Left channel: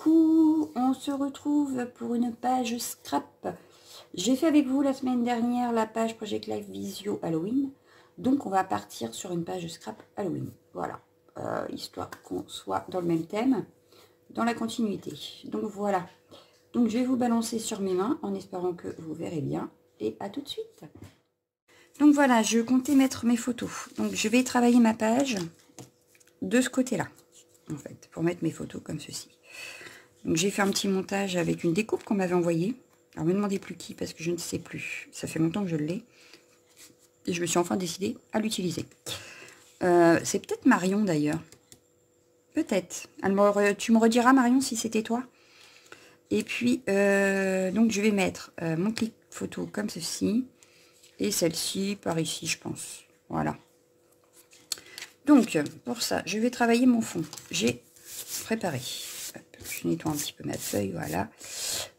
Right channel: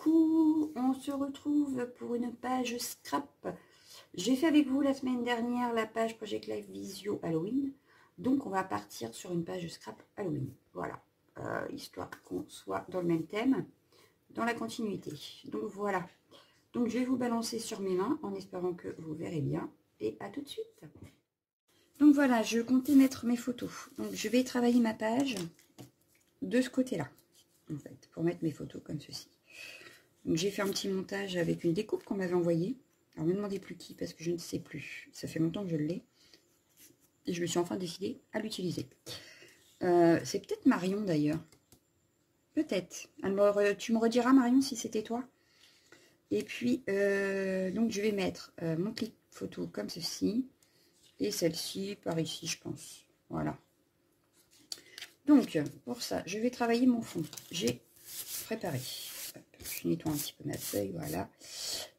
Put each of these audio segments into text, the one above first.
Coucou, on se retrouve pour une page scrap. J'ai fait avec vous la semaine dernière la page Project Life Visio Halloween. Donc on va partir sur une page scrap Halloween. Voilà, histoire qu'on soit dans le même thème, dans la continuité. Donc voilà, donc je vais vous balancer sur mes mains en espérant que vous verrez bien. Et à tout de suite. Donc voilà, je comptais mettre mes photos. Donc je vais travailler ma page de ce côté-là, en fait, pour mettre mes photos comme ceci. Donc j'ai fait un petit montage avec une découpe qu'on m'avait envoyée. Alors ne me demandez plus qui parce que je ne sais plus. Ça fait longtemps que je l'ai. Et je me suis enfin décidée à l'utiliser. C'est peut-être Marion d'ailleurs. Peut-être. Alors tu me rediras Marion si c'était toi. Et puis donc je vais mettre mon clic photo comme ceci. Et celle-ci par ici je pense. Voilà. Donc pour ça je vais travailler mon fond. J'ai préparé. Je nettoie un petit peu ma feuille, voilà.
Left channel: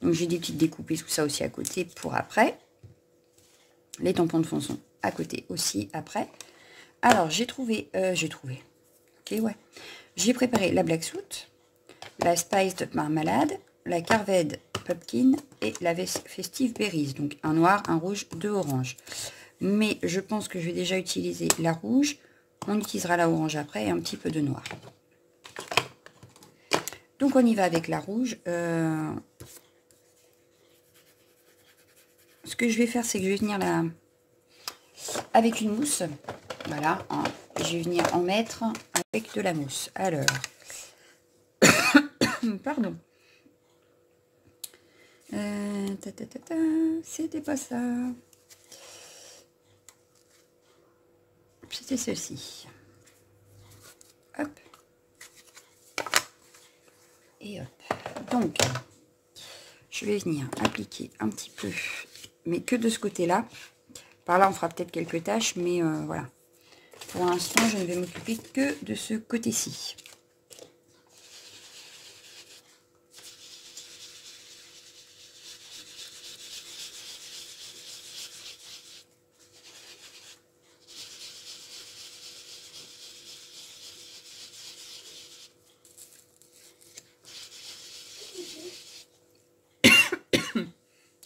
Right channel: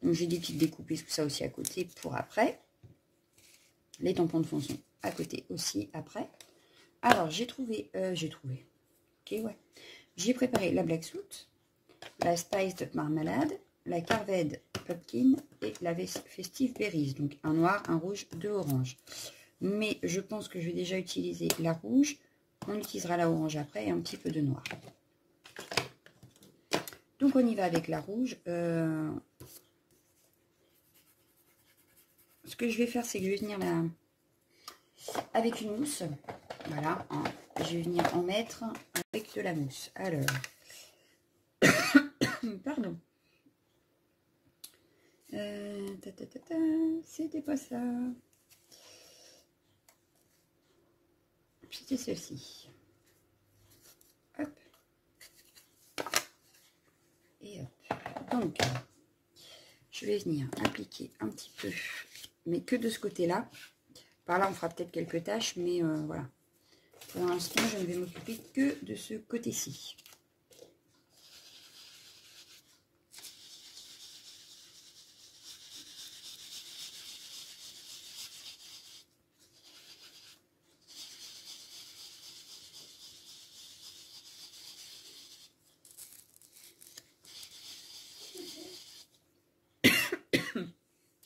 Donc j'ai des petites découpes et tout ça aussi à côté pour après. Les tampons de fond sont à côté aussi après. Alors j'ai trouvé, ok ouais. J'ai préparé la Black Soot, la Spiced Marmalade, la Carved Pumpkin et la Festive Berries. Donc un noir, un rouge, deux oranges. Mais je pense que je vais déjà utiliser la rouge. On utilisera la orange après et un petit peu de noir. Donc on y va avec la rouge. Ce que je vais faire, c'est que je vais venir là avec une mousse. Voilà, hein. Je vais venir en mettre avec de la mousse. Alors, pardon. C'était pas ça. C'était celle-ci. Hop. Et hop. Donc, je vais venir appliquer un petit peu, mais que de ce côté-là. Par là, on fera peut-être quelques tâches, mais voilà. Pour l'instant, je ne vais m'occuper que de ce côté-ci.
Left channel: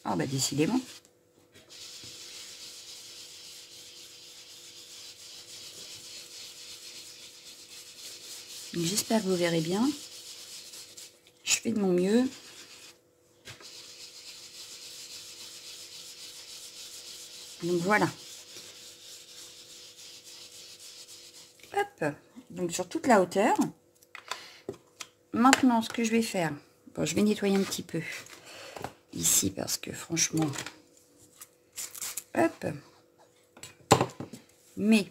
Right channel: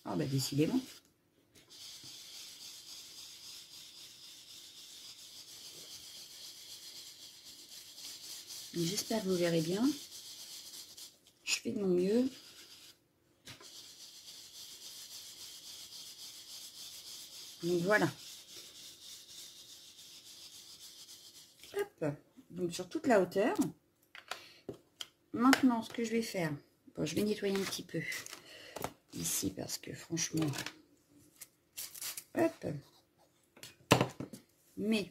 Ah bah décidément. J'espère que vous verrez bien. Je fais de mon mieux. Donc voilà. Hop. Donc sur toute la hauteur. Maintenant, ce que je vais faire, bon, je vais nettoyer un petit peu ici parce que franchement, hop. Mais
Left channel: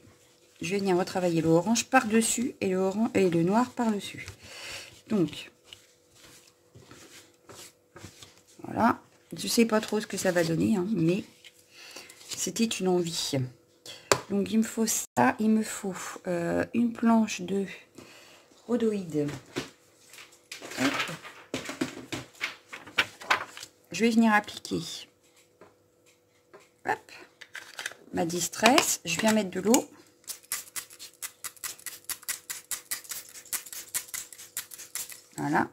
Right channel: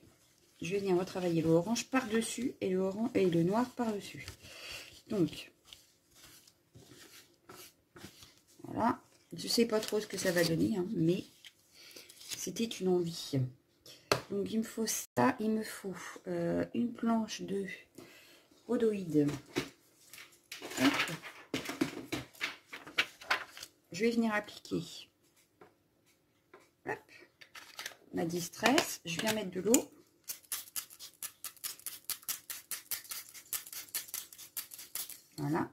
je vais venir retravailler le orange par-dessus et le noir par-dessus. Donc, voilà. Je sais pas trop ce que ça va donner, hein, mais c'était une envie. Donc, il me faut ça. Il me faut une planche de rhodoïde. Hop. Je vais venir appliquer hop, ma distress. Je viens mettre de l'eau. Voilà.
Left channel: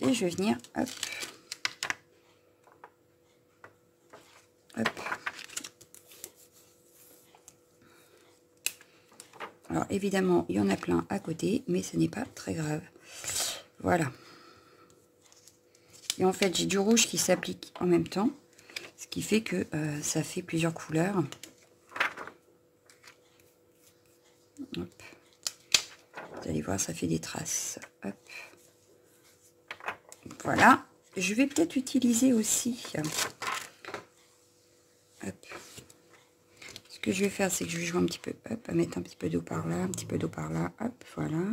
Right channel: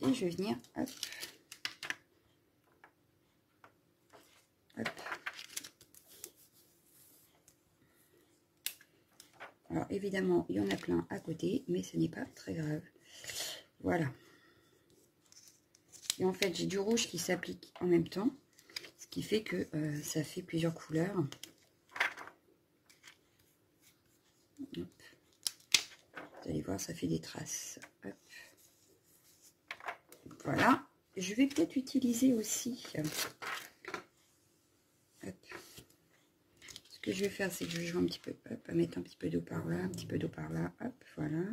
Et je vais venir hop, hop. Alors évidemment, il y en a plein à côté, mais ce n'est pas très grave. Voilà. Et en fait, j'ai du rouge qui s'applique en même temps, ce qui fait que ça fait plusieurs couleurs. Hop. Vous allez voir, ça fait des traces. Hop. Voilà. Je vais peut-être utiliser aussi. Hop. Ce que je vais faire, c'est que je vais jouer un petit peu, hop, à mettre un petit peu d'eau par là, un petit peu d'eau par là, hop, voilà.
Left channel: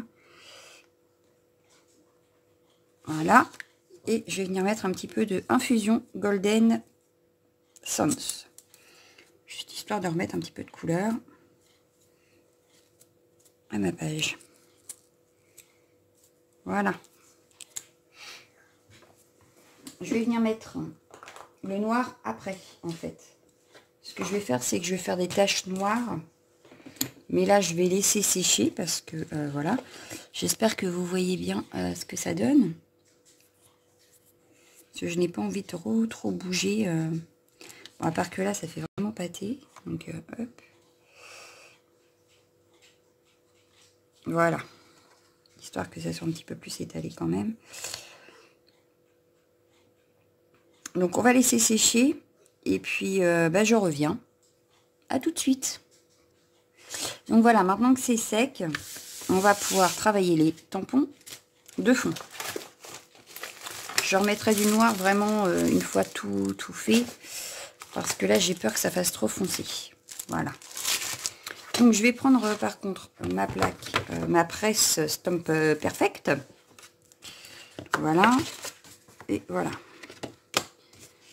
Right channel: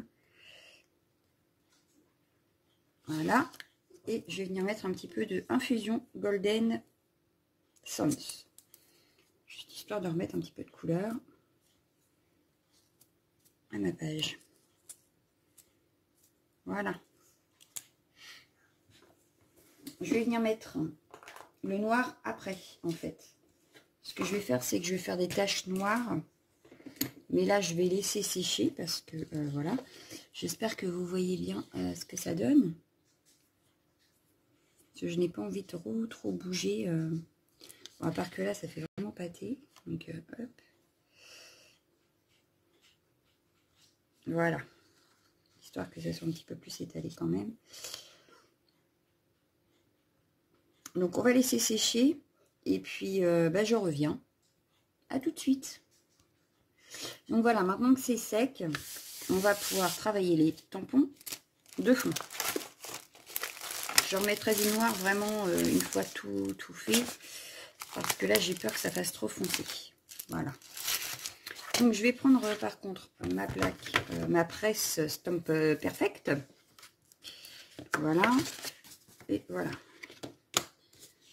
Voilà. Et je vais venir mettre un petit peu de infusion Golden Suns. Juste histoire de remettre un petit peu de couleur à ma page. Voilà. Je vais venir mettre le noir après, en fait. Ce que je vais faire, c'est que je vais faire des taches noires. Mais là, je vais laisser sécher parce que, voilà. J'espère que vous voyez bien ce que ça donne. Parce que je n'ai pas envie de trop bouger. Bon, à part que là, ça fait vraiment pâté. Donc, hop. Voilà. Histoire que ça soit un petit peu plus étalé quand même. Donc, on va laisser sécher. Et puis, je reviens. À tout de suite. Donc, voilà. Maintenant que c'est sec, on va pouvoir travailler les tampons de fond. Je remettrai du noir vraiment une fois tout fait. Parce que là, j'ai peur que ça fasse trop foncé. Voilà. Donc, je vais prendre par contre ma plaque, ma presse Stamp Perfect. Voilà. Et voilà.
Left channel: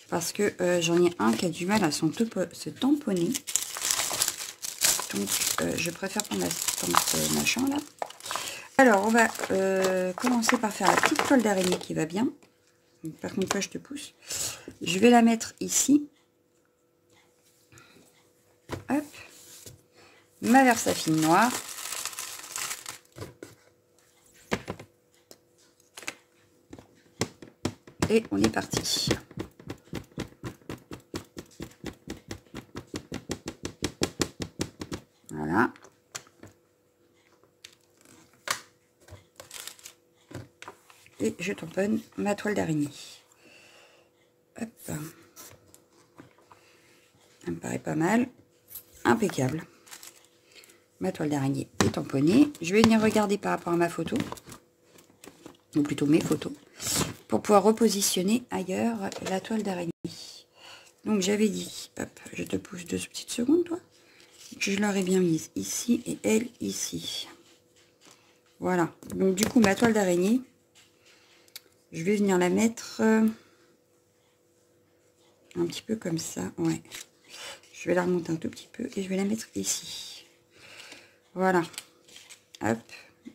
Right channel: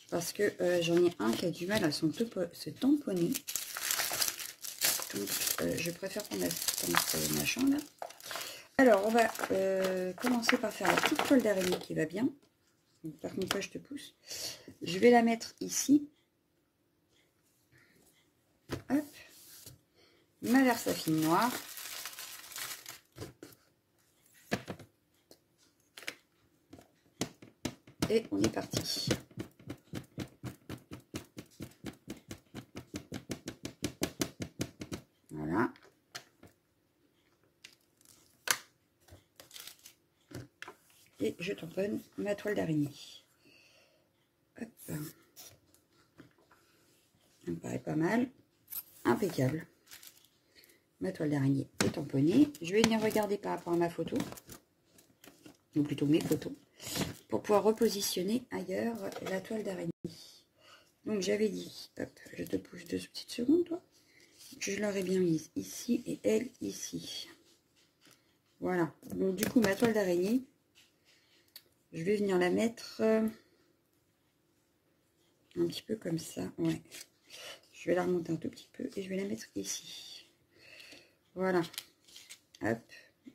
Parce que j'en ai un qui a du mal à se tamponner. Donc, je préfère prendre la Stamp machin là. Alors, on va commencer par faire la petite toile d'araignée qui va bien. Donc, par contre, je te pousse. Je vais la mettre ici. Hop. Ma Versafine noire. Et on est parti. Voilà. Et je tamponne ma toile d'araignée. Hop. Ça me paraît pas mal. Impeccable. Ma toile d'araignée est tamponnée. Je vais venir regarder par rapport à ma photo. Ou plutôt mes photos. Pour pouvoir repositionner ailleurs la toile d'araignée. Donc j'avais dit, hop, je te pousse 2 petites secondes, toi. Je l'aurais bien mise ici et elle ici. Voilà. Donc du coup, ma toile d'araignée, je vais venir la mettre un petit peu comme ça. Ouais. Je vais la remonter un tout petit peu et je vais la mettre ici. Voilà. Hop.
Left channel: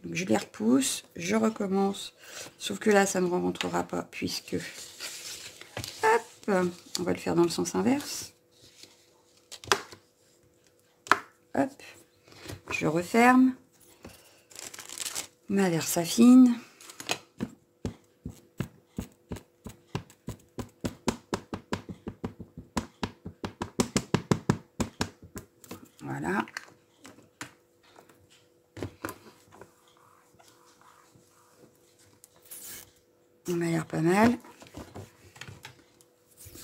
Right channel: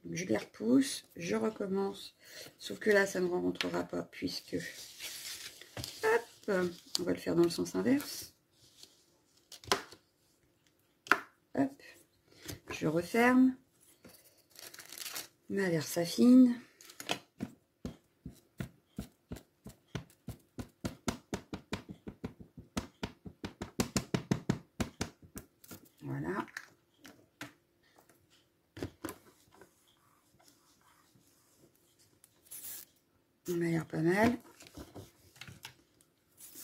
Donc, je les repousse. Je recommence. Sauf que là, ça ne rentrera pas puisque... Hop. On va le faire dans le sens inverse. Hop. Je referme. Ma Versafine. Voilà. On m'a l'air pas mal.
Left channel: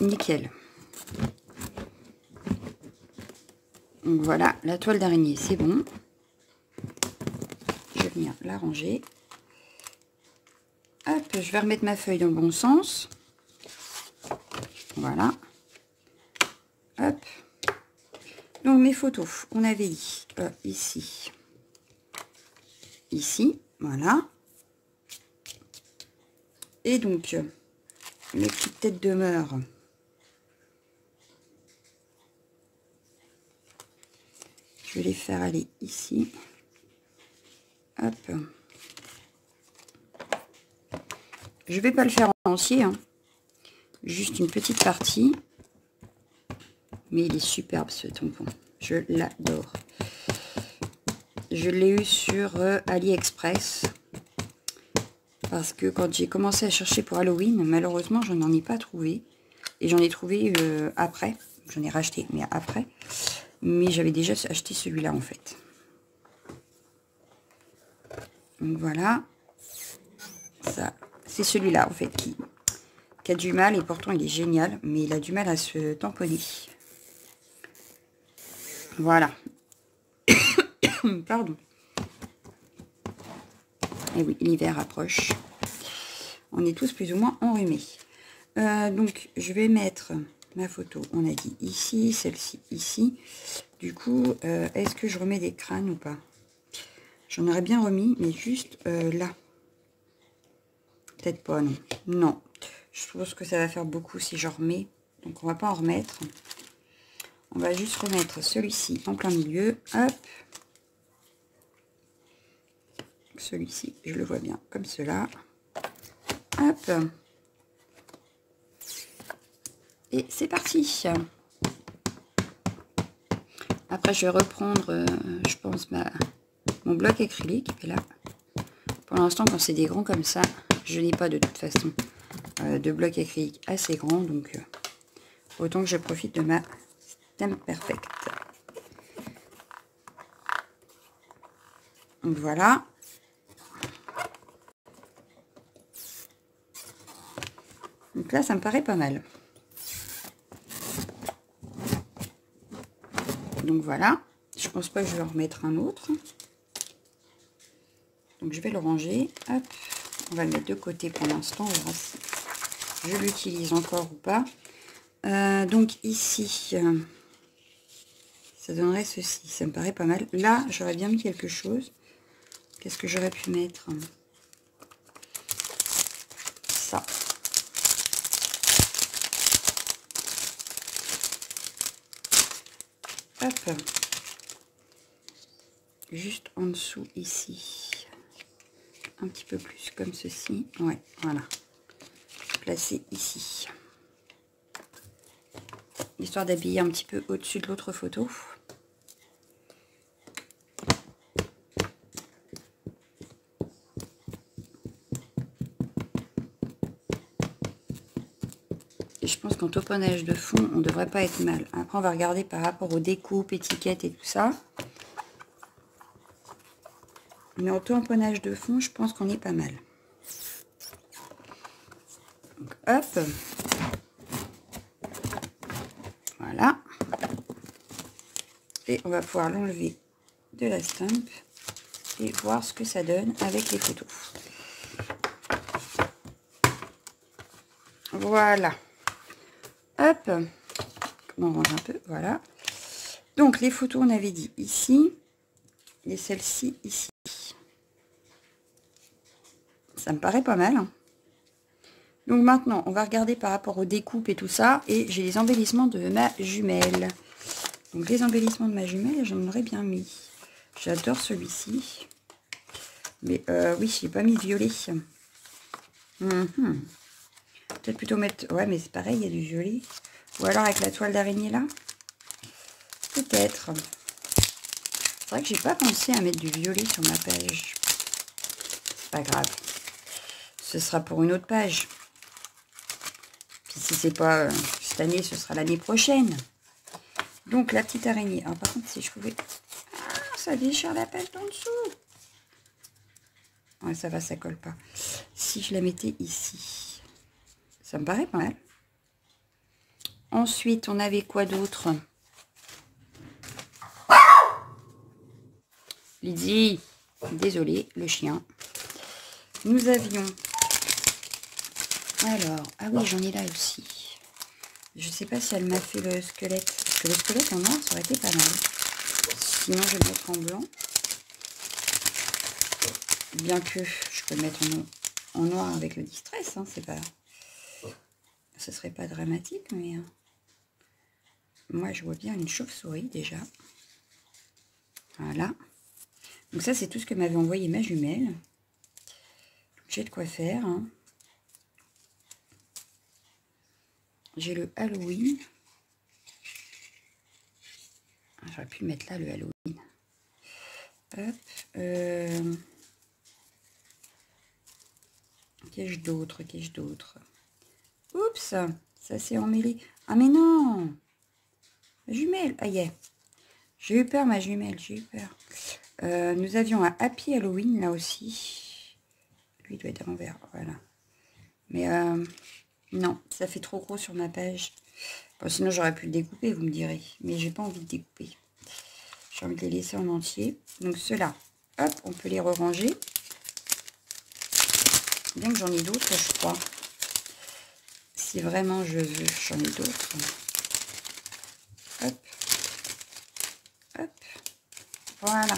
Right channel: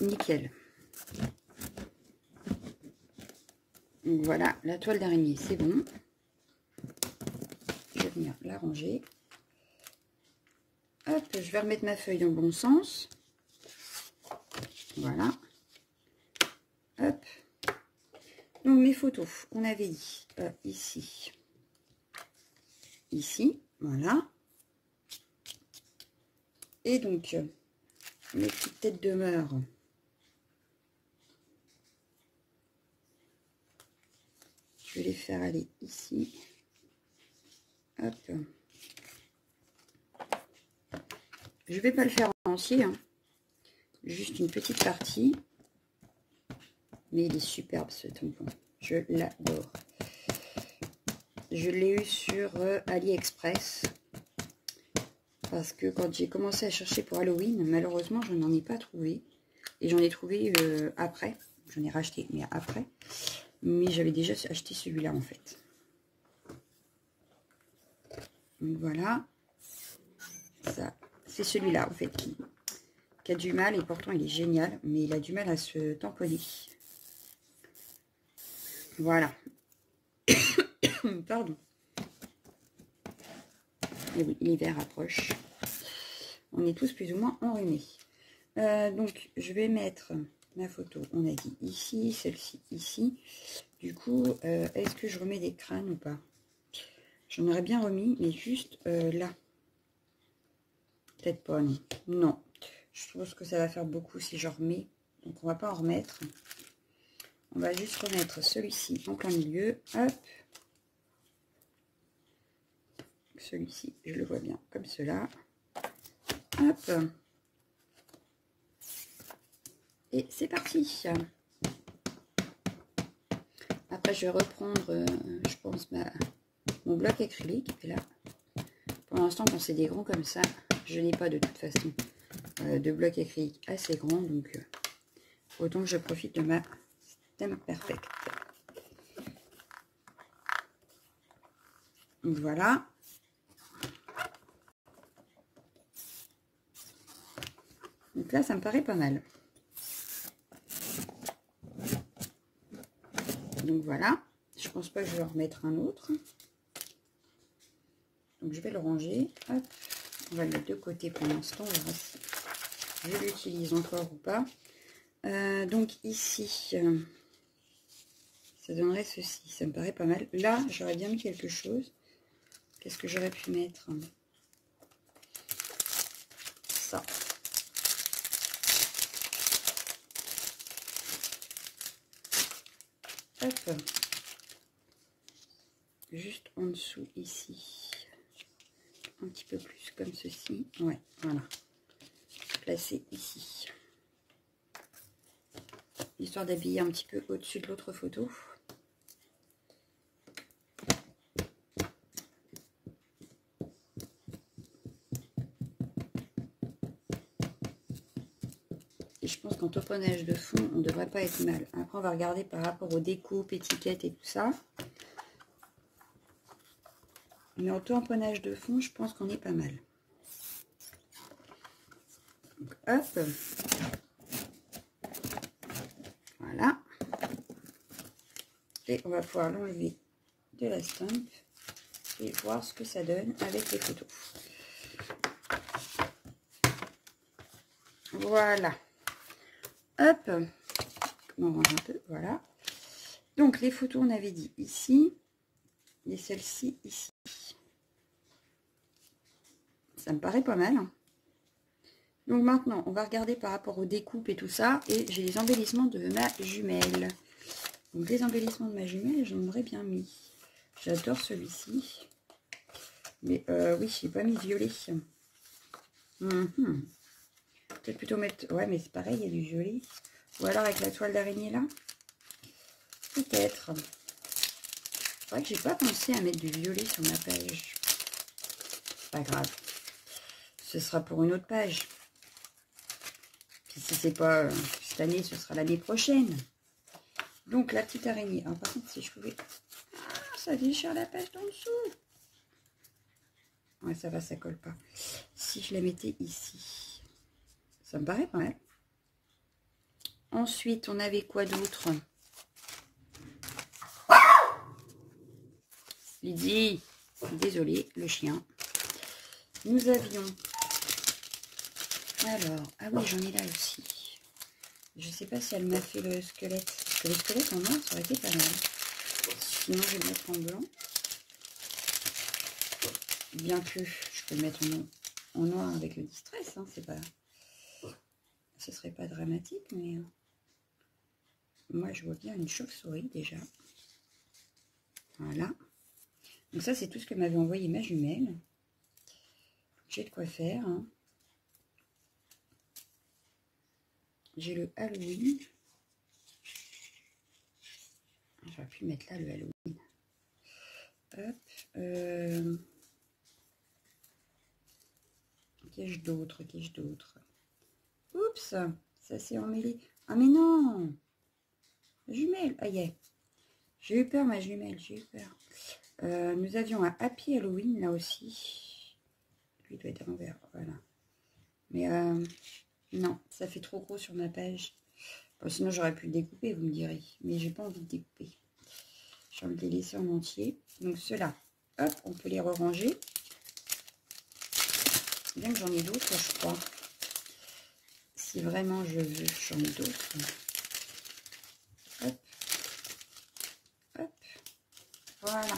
Nickel. Donc voilà, la toile d'araignée, c'est bon. Je vais venir la ranger. Hop, je vais remettre ma feuille dans le bon sens. Voilà. Hop. Donc mes photos, on avait dit ici. Ici, voilà. Et donc, mes petites têtes de meur. Je vais les faire aller ici. Hop. Je vais pas le faire en entier, hein. Juste une petite partie. Mais il est superbe ce tampon. Je l'adore. Je l'ai eu sur AliExpress. Parce que quand j'ai commencé à chercher pour Halloween, malheureusement, je n'en ai pas trouvé. Et j'en ai trouvé après. J'en ai racheté, mais après. Mais j'avais déjà acheté celui-là, en fait. Donc voilà. Ça, c'est celui-là, en fait, qui a du mal. Et pourtant, il est génial. Mais il a du mal à se tamponner. Voilà. Pardon. Et oui, l'hiver approche. On est tous plus ou moins enrhumés. Donc, je vais mettre ma photo. On a dit ici, celle-ci ici. Du coup, est-ce que je remets des crânes ou pas? J'en aurais bien remis, mais juste là. Peut-être pas, non. Non. Je pense que ça va faire beaucoup si je remets. Donc, on va pas en remettre. On va juste remettre celui-ci en plein milieu. Hop. Celui-ci, je le vois bien comme cela. Hop. Et c'est parti. Après, je vais reprendre, je pense, mon bloc acrylique. Et là, pour l'instant, quand c'est des grands comme ça, je n'ai pas de toute façon de blocs acryliques assez grand, donc autant que je profite de ma Stamp Perfect. Donc voilà. Donc là, ça me paraît pas mal. Donc voilà. Je pense pas que je vais en remettre un autre. Donc je vais le ranger. Hop. On va le mettre de côté pour l'instant. On verra si je l'utilise encore ou pas. Donc ici, ça donnerait ceci. Ça me paraît pas mal. Là, j'aurais bien mis quelque chose. Qu'est-ce que j'aurais pu mettre? Ça. Hop. Juste en dessous ici. Un petit peu plus comme ceci. Ouais, voilà. Placé ici. Histoire d'habiller un petit peu au-dessus de l'autre photo. Et je pense qu'en tauponnage de fond, on ne devrait pas être mal. Après, on va regarder par rapport aux découpes, étiquettes et tout ça. Mais en tamponnage de fond, je pense qu'on est pas mal. Donc, hop. Voilà. Et on va pouvoir l'enlever de la stamp et voir ce que ça donne avec les photos. Voilà. Hop. On range un peu. Voilà. Donc, les photos, on avait dit ici. Et celle-ci, ici. Ça me paraît pas mal. Donc maintenant, on va regarder par rapport aux découpes et tout ça. Et j'ai les embellissements de ma jumelle. Donc les embellissements de ma jumelle, j'en aurais bien mis. J'adore celui-ci. Mais oui, je n'ai pas mis violet. Peut-être plutôt mettre... Ouais, mais c'est pareil, il y a du violet. Ou alors avec la toile d'araignée là. Peut-être. C'est vrai que j'ai pas pensé à mettre du violet sur ma page. C'est pas grave. Ce sera pour une autre page. Puis si c'est pas cette année, ce sera l'année prochaine. Donc la petite araignée. Alors, par contre, si je pouvais... Ah, ça déchire la page d'en dessous. Ouais, ça va, ça colle pas. Si je la mettais ici, ça me paraît pas mal. Ensuite, on avait quoi d'autre? Lydie, désolée, le chien. Nous avions... Alors, ah oui, j'en ai là aussi. Je sais pas si elle m'a fait le squelette. Parce que le squelette en noir, ça aurait été pas mal. Sinon, je vais le mettre en blanc. Bien que je peux le mettre en noir avec le distress. Hein, c'est pas... Ce serait pas dramatique, mais... moi, je vois bien une chauve-souris, déjà. Voilà. Donc ça, c'est tout ce que m'avait envoyé ma jumelle. J'ai de quoi faire. Hein. J'ai le Halloween. J'aurais pu mettre là le Halloween. Hop. Qu'ai-je d'autre? Qu'ai-je d'autre? Oups, ça s'est emmêlé. Ah mais non! Ma jumelle. Ah yeah. J'ai eu peur, ma jumelle. J'ai eu peur. Nous avions un Happy Halloween là aussi. Lui, il doit être à l'envers. Voilà. Mais non, ça fait trop gros sur ma page. Bon, sinon, j'aurais pu le découper, vous me direz. Mais j'ai pas envie de découper. J'ai envie de les laisser en entier. Donc, ceux-là, hop, on peut les re-ranger. Bien que j'en ai d'autres, je crois. Si vraiment je veux, j'en ai d'autres. Hop. Hop. Voilà.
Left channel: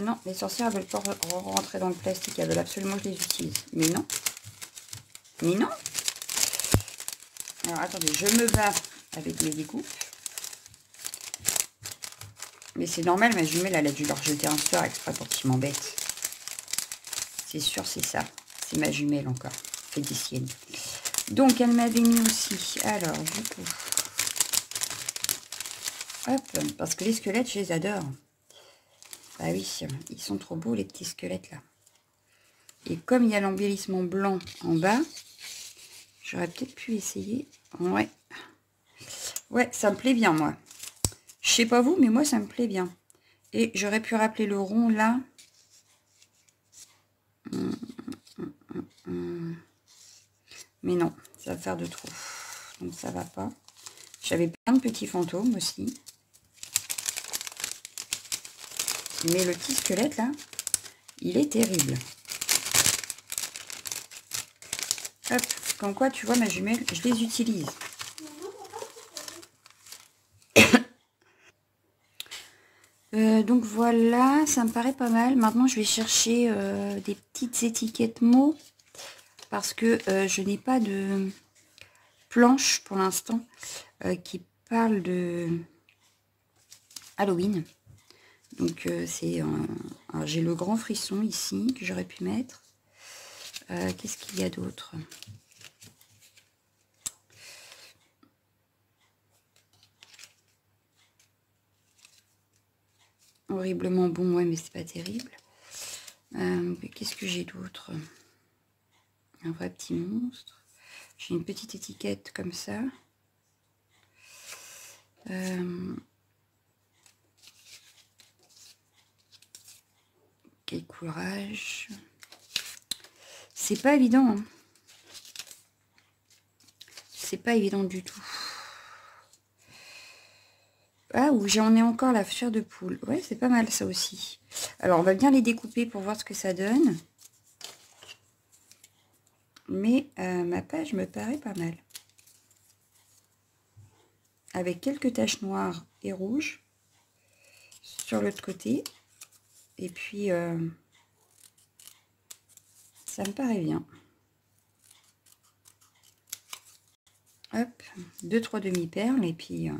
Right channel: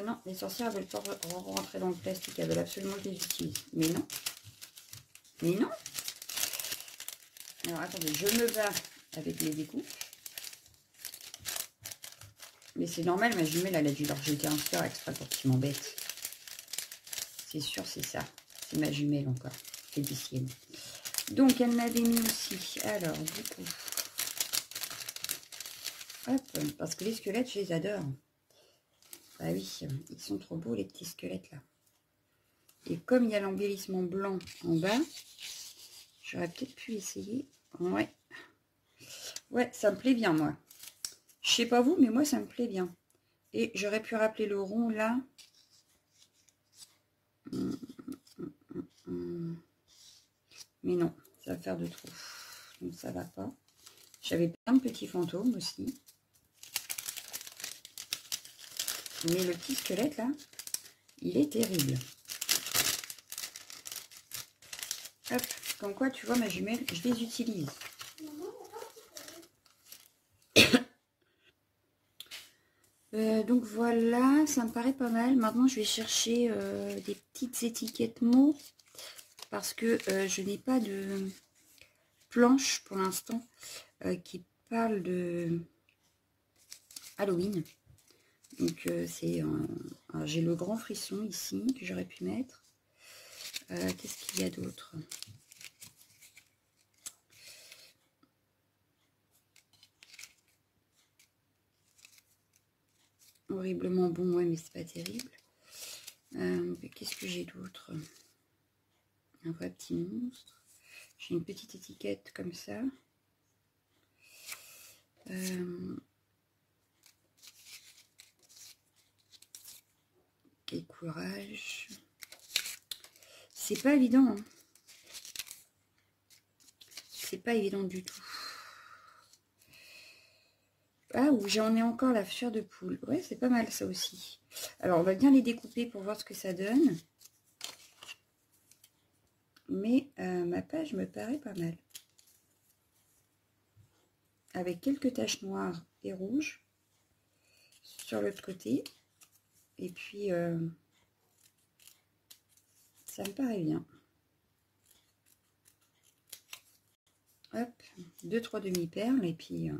Non, les sorcières veulent pas rentrer dans le plastique. Elles veulent absolument que je les utilise. Mais non. Mais non. Alors, attendez, je me bats avec mes découpes. Mais c'est normal, ma jumelle, elle a dû leur jeter un sort exprès pour qu'ils m'embêtent. C'est sûr, c'est ça. C'est ma jumelle encore. Fédicienne. Donc, elle m'avait mis aussi. Alors, du coup. Hop, parce que les squelettes, je les adore. Ah oui, ils sont trop beaux, les petits squelettes, là. Et comme il y a l'embellissement blanc en bas, j'aurais peut-être pu essayer. Ouais. Ouais, ça me plaît bien, moi. Je sais pas vous, mais moi, ça me plaît bien. Et j'aurais pu rappeler le rond, là. Mais non, ça va faire de trop. Donc, ça va pas. J'avais plein de petits fantômes aussi. Mais le petit squelette, là, il est terrible. Hop, comme quoi, tu vois, ma jumelle, je les utilise. Donc voilà, ça me paraît pas mal. Maintenant, je vais chercher des petites étiquettes mots parce que je n'ai pas de planche pour l'instant qui parle de Halloween. Donc j'ai le grand frisson ici que j'aurais pu mettre. Qu'est-ce qu'il y a d'autre? Horriblement bon, ouais, mais c'est pas terrible. Qu'est-ce que j'ai d'autre? Un vrai petit monstre. J'ai une petite étiquette comme ça. Quel courage. C'est pas évident. Hein. C'est pas évident du tout. Ah, où j'en ai encore la chair de poule. Ouais, c'est pas mal ça aussi. Alors, on va bien les découper pour voir ce que ça donne. Mais ma page me paraît pas mal. Avec quelques taches noires et rouges sur l'autre côté. Et puis, ça me paraît bien. Hop, 2-3 demi-perles et puis...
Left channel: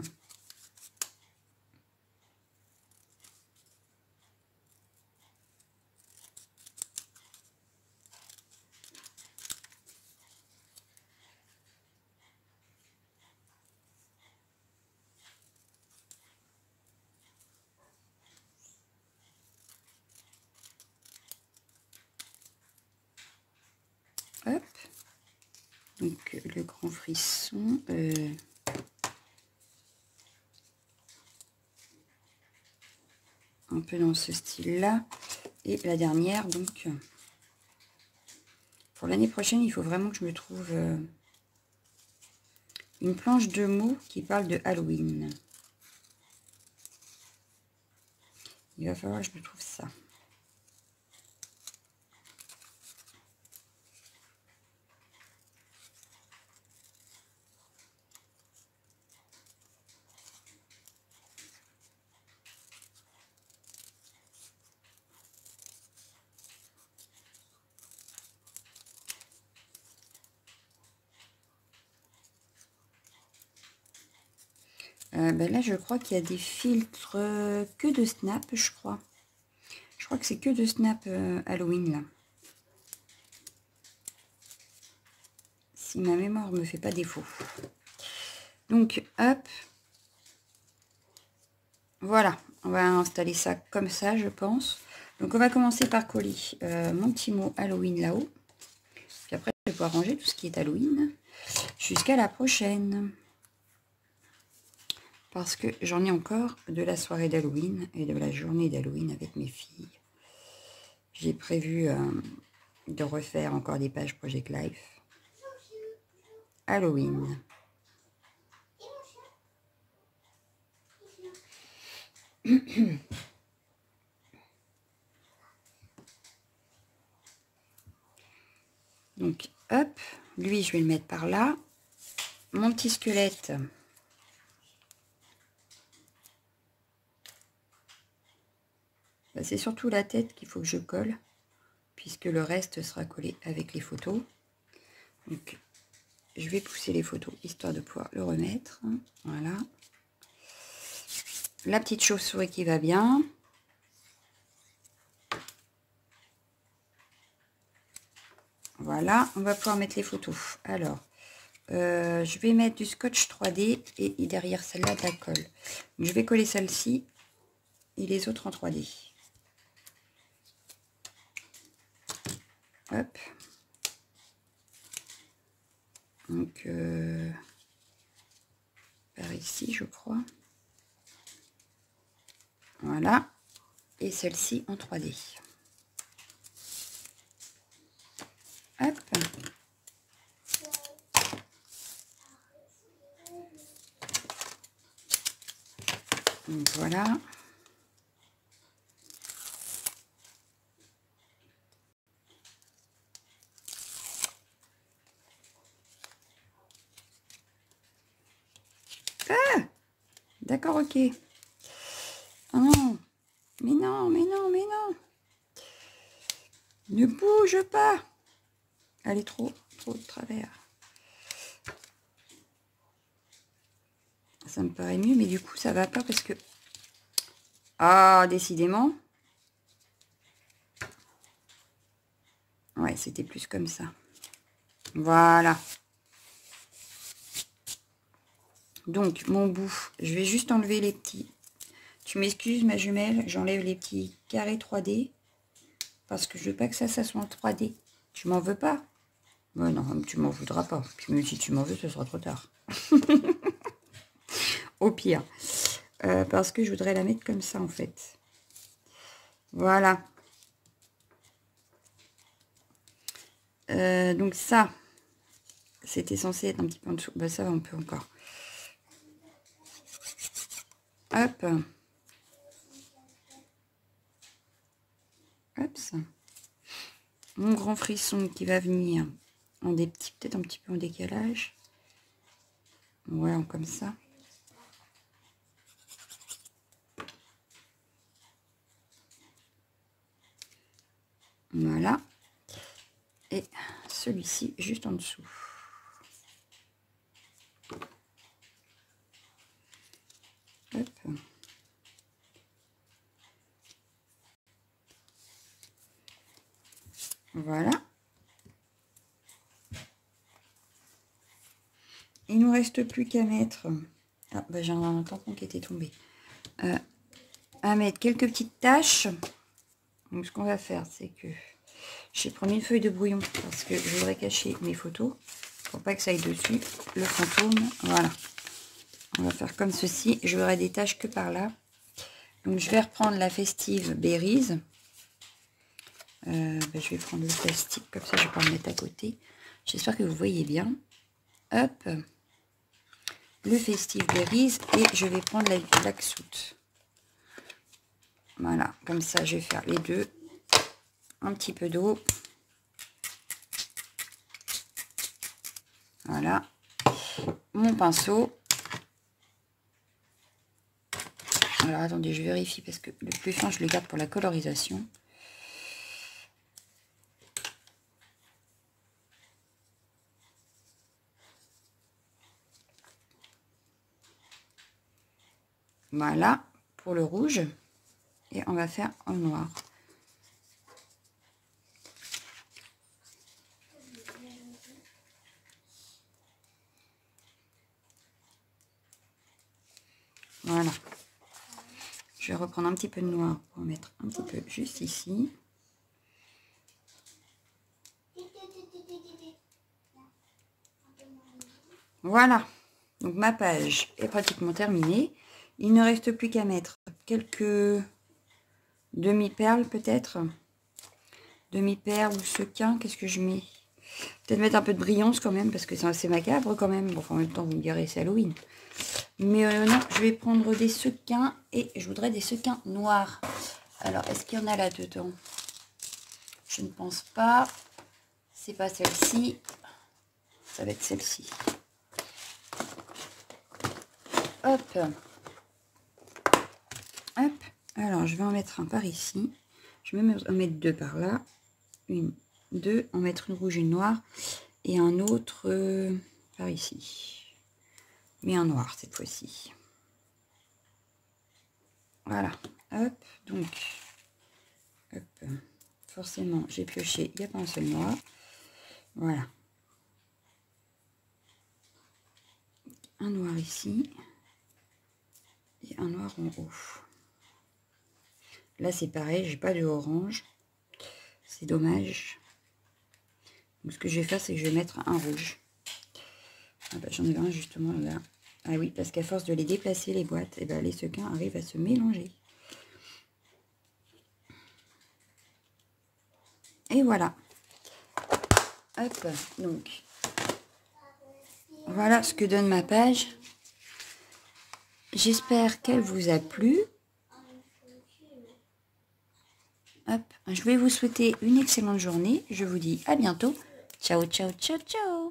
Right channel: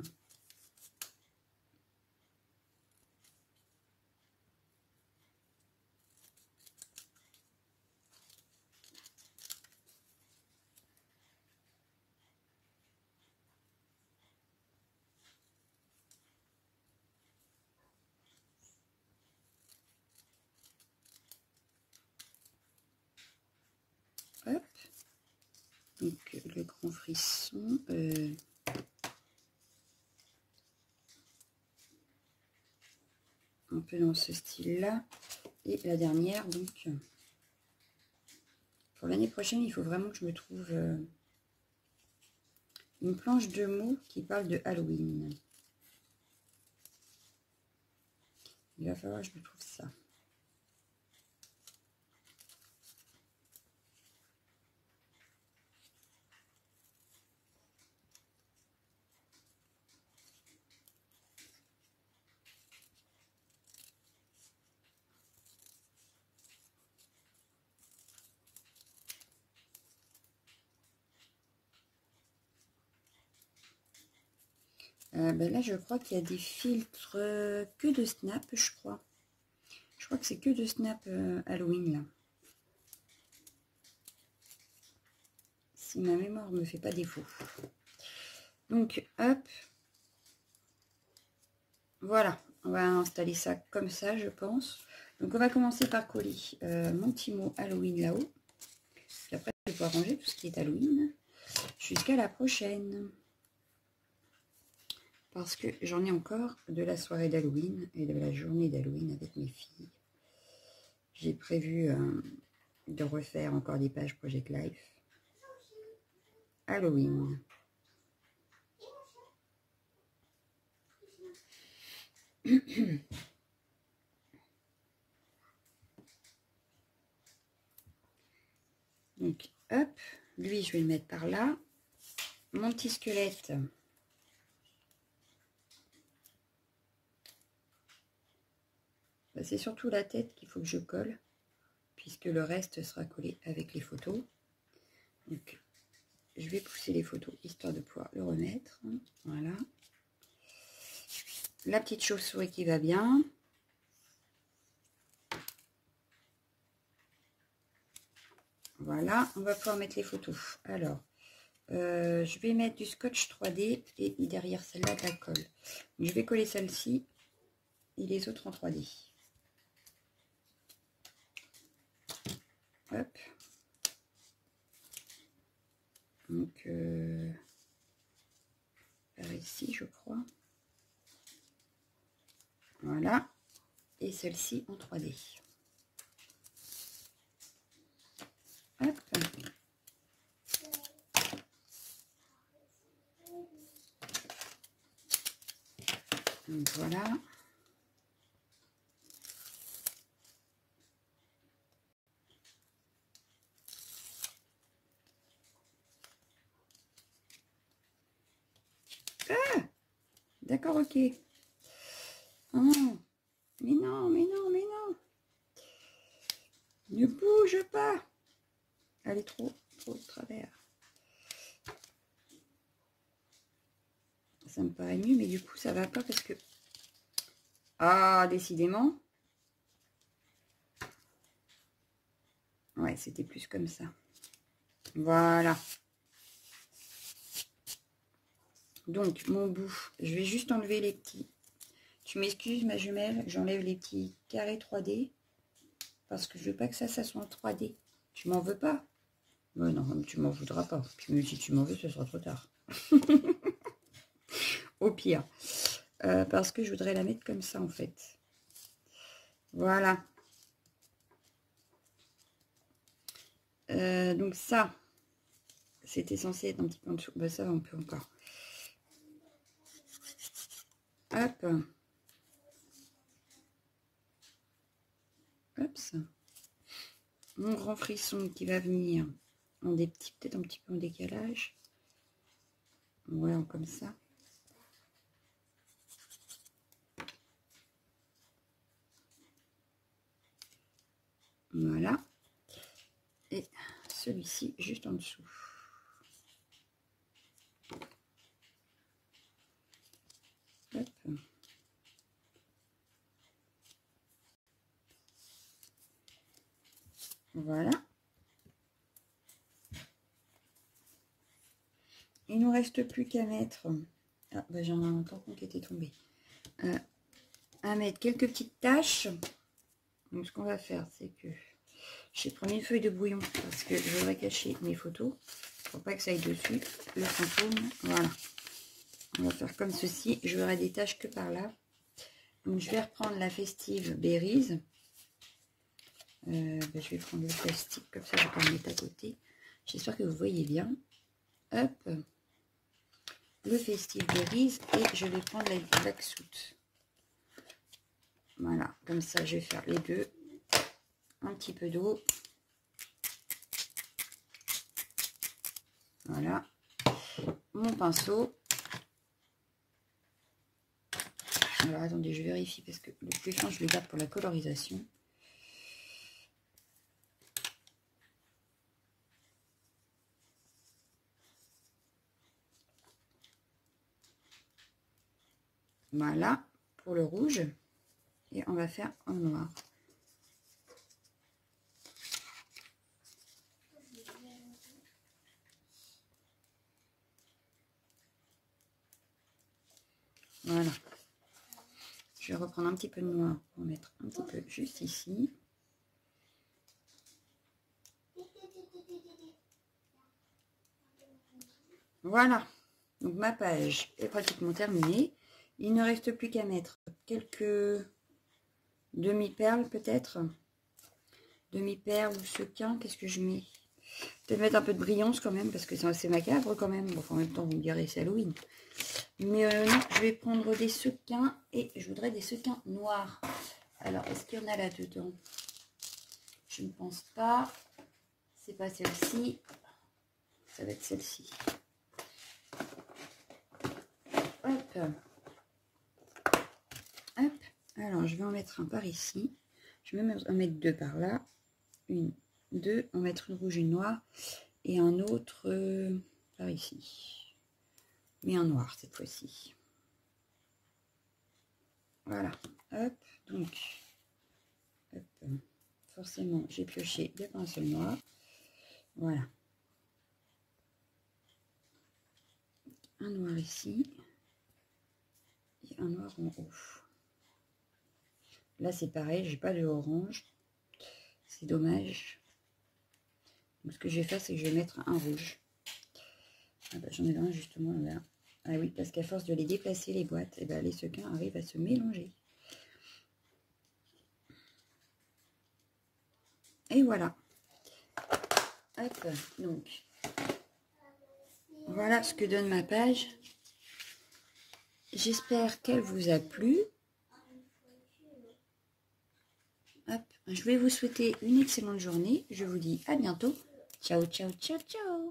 hop. Donc, le grand frisson... un peu dans ce style-là. Et la dernière, donc... pour l'année prochaine, il faut vraiment que je me trouve une planche de mots qui parle de Halloween. Il va falloir que je me trouve ça. Ben là, je crois qu'il y a des filtres que de Snap, je crois. Je crois que c'est que de Snap Halloween, là. Si ma mémoire ne me fait pas défaut. Donc, hop. Voilà, on va installer ça comme ça, je pense. Donc, on va commencer par coller mon petit mot Halloween là-haut. Puis après, je vais pouvoir ranger tout ce qui est Halloween. Jusqu'à la prochaine. Parce que j'en ai encore de la soirée d'Halloween et de la journée d'Halloween avec mes filles. J'ai prévu de refaire encore des pages Project Life. Halloween. Donc, hop, lui, je vais le mettre par là. Mon petit squelette. Bah, c'est surtout la tête qu'il faut que je colle, puisque le reste sera collé avec les photos. Donc, je vais pousser les photos, histoire de pouvoir le remettre. Voilà. La petite chauve-souris qui va bien. Voilà, on va pouvoir mettre les photos. Alors, je vais mettre du scotch 3D et derrière celle-là de la colle. Donc, je vais coller celle-ci et les autres en 3D. Hop. Donc, par ici, je crois. Voilà. Et celle-ci en 3D. Hop. Donc voilà. Ah, d'accord, ok. Oh non, mais non, mais non, mais non. Ne bouge pas. Elle est trop de travers. Ça me paraît mieux, mais du coup, ça va pas parce que... Ah, décidément. Ouais, c'était plus comme ça. Voilà. Donc, mon bout, je vais juste enlever les petits... Tu m'excuses, ma jumelle, j'enlève les petits carrés 3D. Parce que je veux pas que ça soit en 3D. Tu m'en veux pas? Ouais, non, tu m'en voudras pas. Puis même si tu m'en veux, ce sera trop tard. Au pire. Parce que je voudrais la mettre comme ça, en fait. Voilà. Donc ça, c'était censé être un petit peu en dessous. Bah, ça va un peu encore. Hop. Hop. Mon grand frisson qui va venir en des petits, peut-être un petit peu en décalage. Voilà, comme ça. Voilà. Et celui-ci juste en dessous. Hop. Voilà. Il nous reste plus qu'à mettre... Ah, bah, j'ai un tampon qui était tombé. À mettre quelques petites taches. Donc ce qu'on va faire, c'est que j'ai pris une feuille de brouillon parce que je voudrais cacher mes photos. Pour pas que ça aille dessus. Le fantôme. Voilà. On va faire comme ceci. Je aurai des taches que par là. Donc je vais reprendre la festive Berries. Je vais prendre le plastique, comme ça je vais pas le mettre à côté. J'espère que vous voyez bien. Hop. Le festive Berries. Et je vais prendre la Black Soot. Voilà, comme ça je vais faire les deux. Un petit peu d'eau. Voilà. Mon pinceau. Alors attendez, je vérifie parce que le plus fin je le garde pour la colorisation. Voilà, pour le rouge. Et on va faire en noir. Voilà. Je vais reprendre un petit peu de noir pour mettre un petit peu juste ici. Voilà. Donc ma page est pratiquement terminée. Il ne reste plus qu'à mettre quelques demi-perles peut-être. Demi-perles ou sequins. Qu'est-ce que je mets? Peut-être mettre un peu de brillance quand même parce que c'est assez macabre quand même. Bon, enfin, en même temps, vous me direz, c'est Halloween. Mais non, je vais prendre des sequins et je voudrais des sequins noirs. Alors, est-ce qu'il y en a là-dedans? Je ne pense pas. C'est pas celle-ci. Ça va être celle-ci. Hop. Hop. Alors, je vais en mettre un par ici. Je vais en mettre deux par là. Une, deux. En mettre une rouge, une noire. Et un autre par ici. Mais un noir cette fois-ci. Voilà. Hop. Donc, hop. Forcément, j'ai pioché. Il n'y a pas un seul noir. Voilà. Un noir ici. Et un noir en haut. Là, c'est pareil. J'ai pas de orange. C'est dommage. Donc, ce que je vais faire, c'est que je vais mettre un rouge. Ah bah, j'en ai un justement là. Ah oui, parce qu'à force de les déplacer, les boîtes, et ben, les sequins arrivent à se mélanger. Et voilà. Hop, donc, voilà ce que donne ma page. J'espère qu'elle vous a plu. Hop, je vais vous souhaiter une excellente journée. Je vous dis à bientôt. Ciao, ciao, ciao, ciao.